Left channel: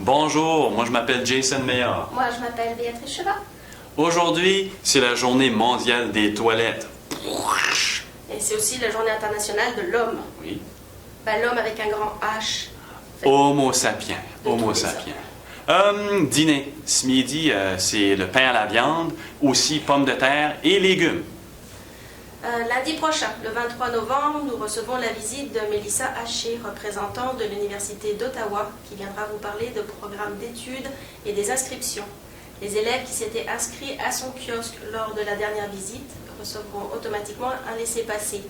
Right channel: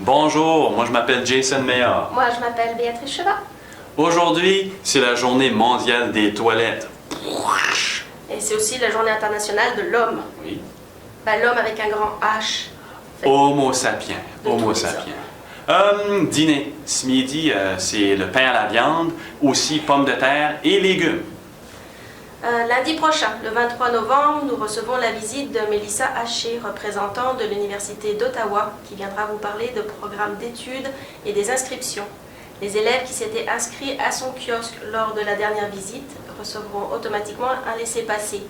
Bonjour, moi je m'appelle Jason Meillard. Moi, je m'appelle Béatrice Chevat. Aujourd'hui, c'est la journée mondiale des toilettes. Et c'est aussi la journée internationale de l'homme. Oui. L'homme avec un grand H. Homo sapiens. De Homo tous les sapiens. Dîner. Ce midi, c'est le pain à la viande, aussi pommes de terre et légumes. Lundi prochain, le 23 novembre, nous recevons la visite de Mélissa Haché, représentante de l'Université d'Ottawa, qui viendra vous parler de programmes d'études et des inscriptions. Les élèves qui s'étaient inscrits à son kiosque lors de la dernière visite recevront automatiquement un laissez-passer.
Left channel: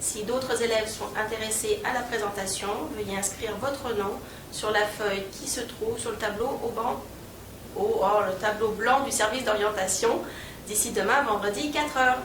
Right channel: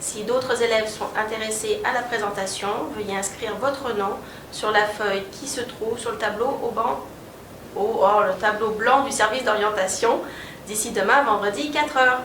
Si d'autres élèves sont intéressés à la présentation, veuillez inscrire votre nom sur la feuille qui se trouve sur le tableau le tableau blanc du service d'orientation d'ici demain, vendredi, 4 heures.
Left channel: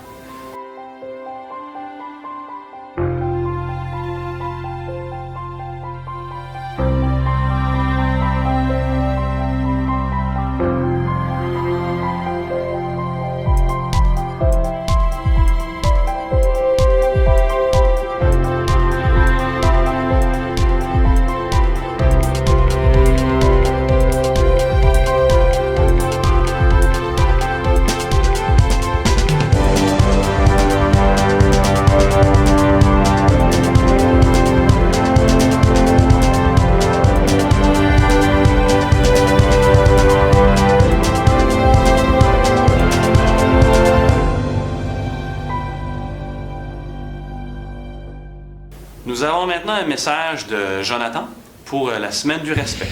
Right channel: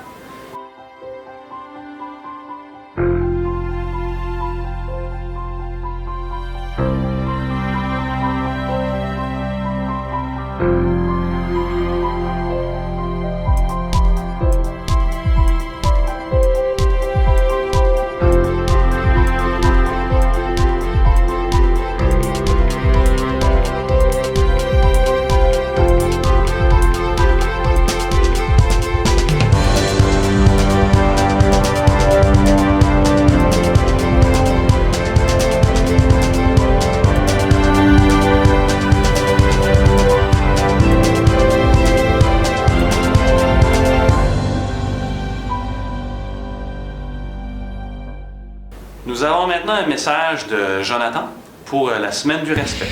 Nous avons maintenant un message de Jonathan pour la semaine du respect.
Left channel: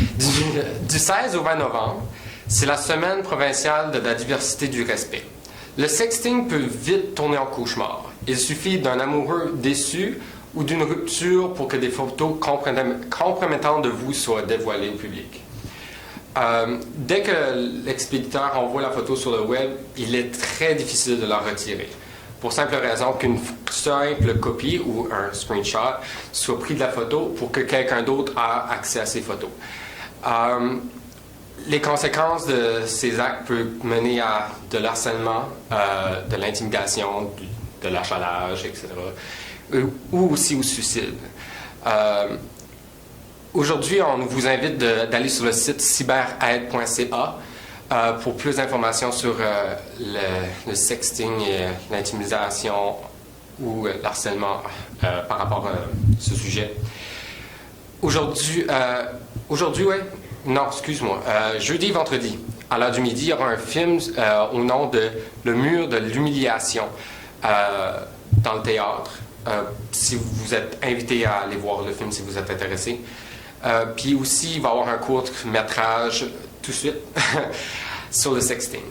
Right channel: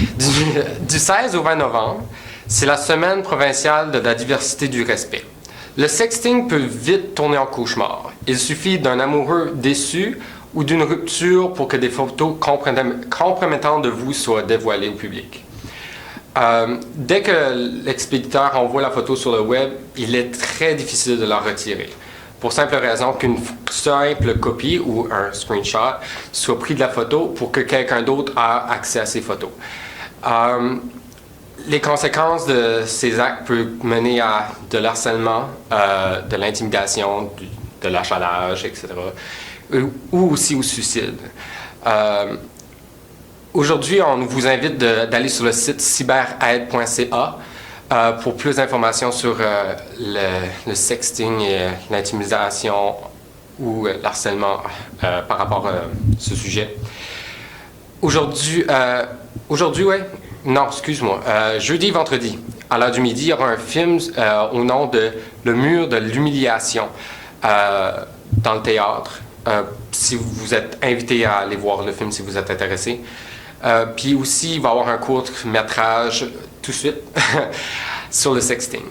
Du 16 au 20 novembre, c'est la semaine provinciale de la diversité du respect. Le sexting peut vite tourner en cauchemar. Il suffit d'un amoureux déçu ou d'une rupture pour que des photos compromettantes de vous soient dévoilées au public. Dès que l'expéditeur envoie la photo sur le web, il est très difficile de la retirer. Pour simple raison qu'une simple copie ou un screenshot soit pris de la photo pour que quelqu'un d'autre ait accès à ces photos. Les conséquences de ces actes peuvent mener à de l'harcèlement, de l'intimidation, de l'achalage, etc. Ou aussi au suicide. Aujourd'hui, on vous invite d'aller sur le site cyberaide.ca pour plus d'informations sur le sexting et l'intimidation ou l'harcèlement par rapport à ce sujet. Aujourd'hui, ouais. Non, excuse-moi. Jeudi, vendredi, à l'heure du midi, il y aura un film au nom de Le mur de l'humiliation dans le théâtre. Si vous êtes invité à aller voir le film, si vous êtes intéressé. Puis aussi, il va y avoir un court-métrage tout de suite sur le sexting.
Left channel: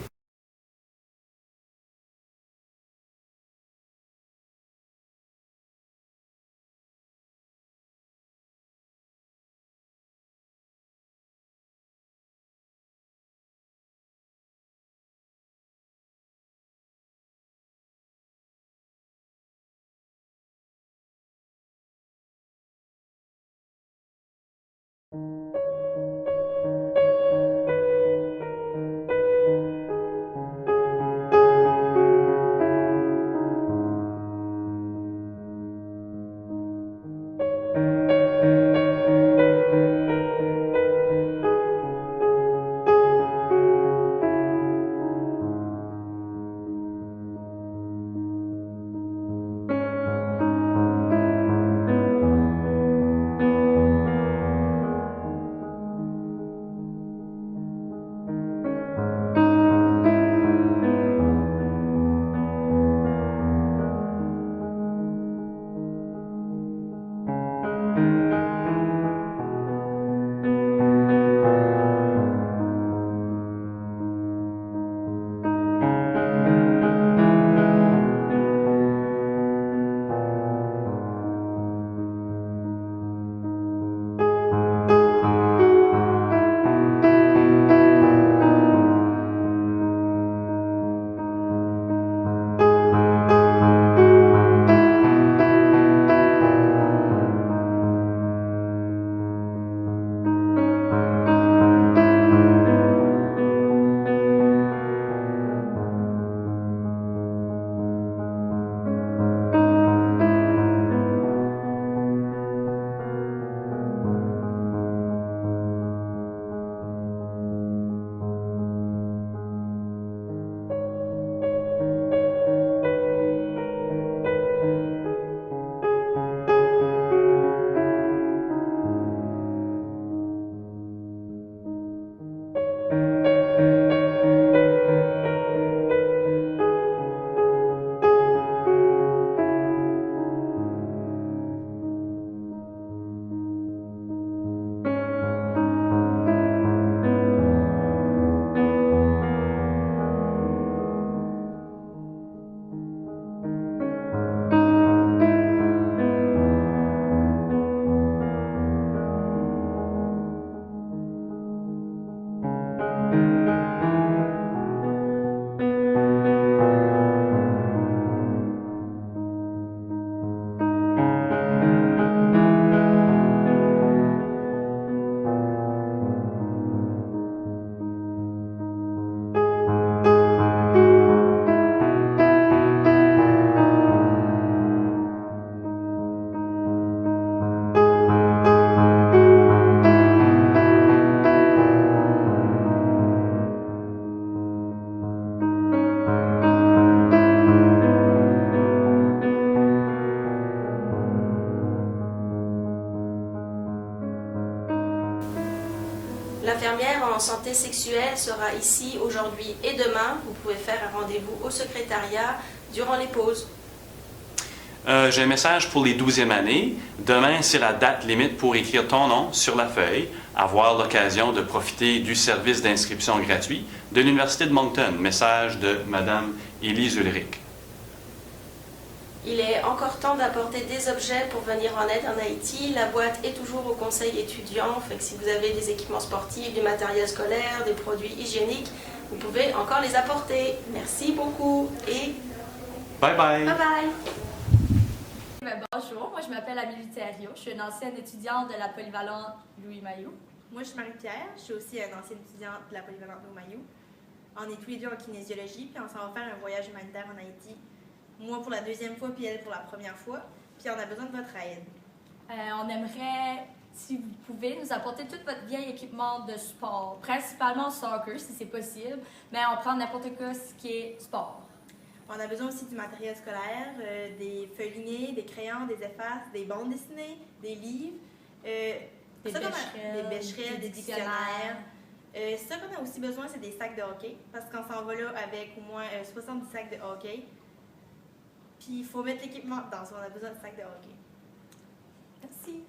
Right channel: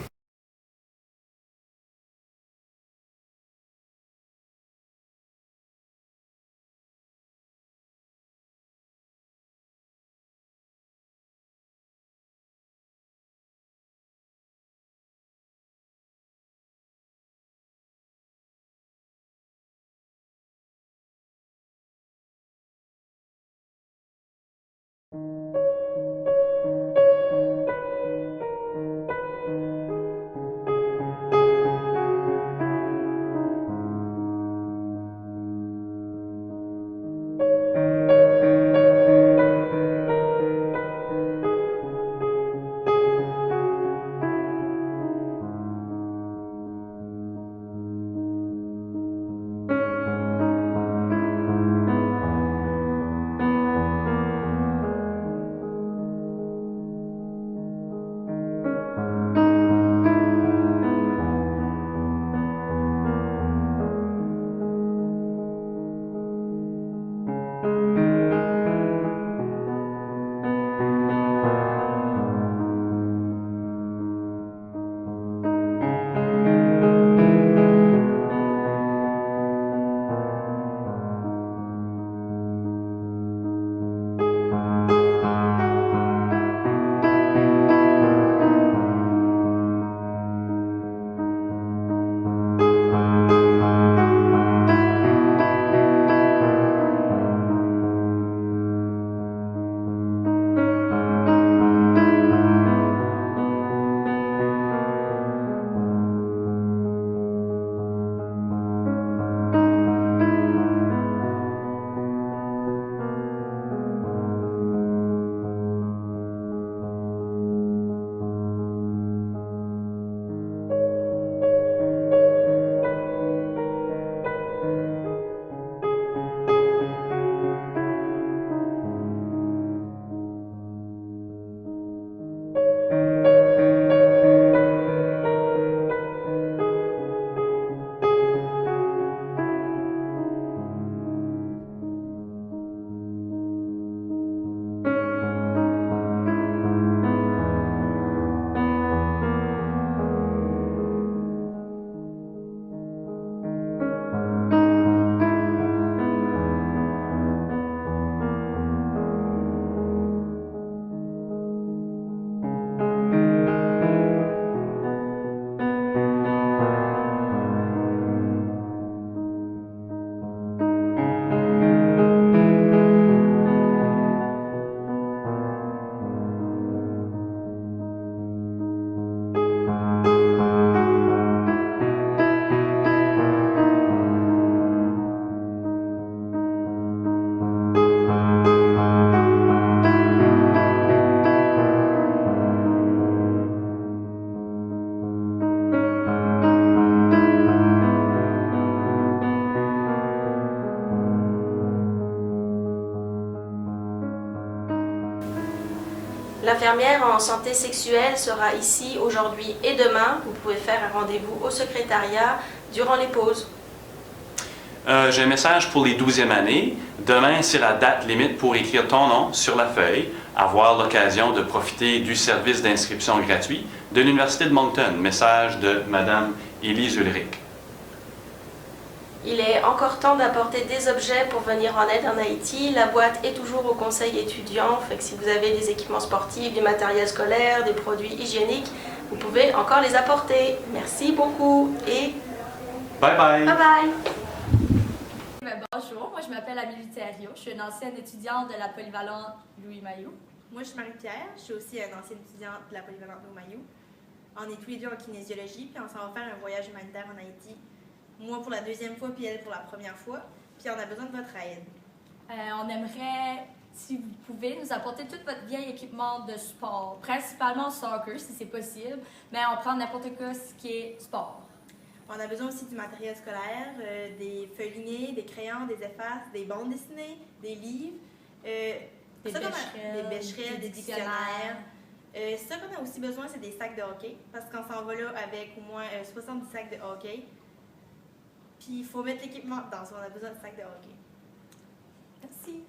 L'infirmière en santé sexuelle sera ici aujourd'hui et demain. Vous pouvez faire un rendez-vous au secrétariat durant les pauses. J'ai un message pour les 12e années. Demain, c'est la date limite pour écrire ton nom sur la feuille, avoir l'occasion de profiter du service d'inscription gratuit de l'Université de Moncton. Message de Mme Élise Ulrich. Il est encore temps d'apporter des objets pour venir en aide en Haïti. La boîte est toujours au conseil étudiant, fait que si vous avez des équipements sportifs, du matériel scolaire, des produits hygiéniques, vous pouvez encore les apporter. Merci beaucoup et Bye bye! bye bye! Bonjour, moi je m'appelle Amélie Thériault, je suis une ancienne étudiante de la polyvalente Louis Mailloux. Moi, je suis Marie-Pierre, je suis aussi une ancienne étudiante de la polyvalente Louis Mailloux. On est tous les deux en kinésiologie, puis on s'en va faire un voyage humanitaire en Haïti. Moi pour la deuxième fois, puis elle pour la première fois. Puis on a besoin de votre aide. On aimerait, si vous pouvez, nous apporter tout votre vieil équipement de sport, principalement soccer si c'est possible, mais on prend n'importe quoi ce qui est sport. On a besoin aussi du matériel scolaire, des feuilles lignées, des crayons, des effaces, des bandes dessinées, des livres, Des bécherelles, des dictionnaires. Ce qu'on a aussi besoin, c'est des sacs de hockey, parce qu'on s'en va là avec au moins 70 sacs de hockey. Puis il faut mettre l'équipement dedans, on a besoin de sacs de hockey. Merci.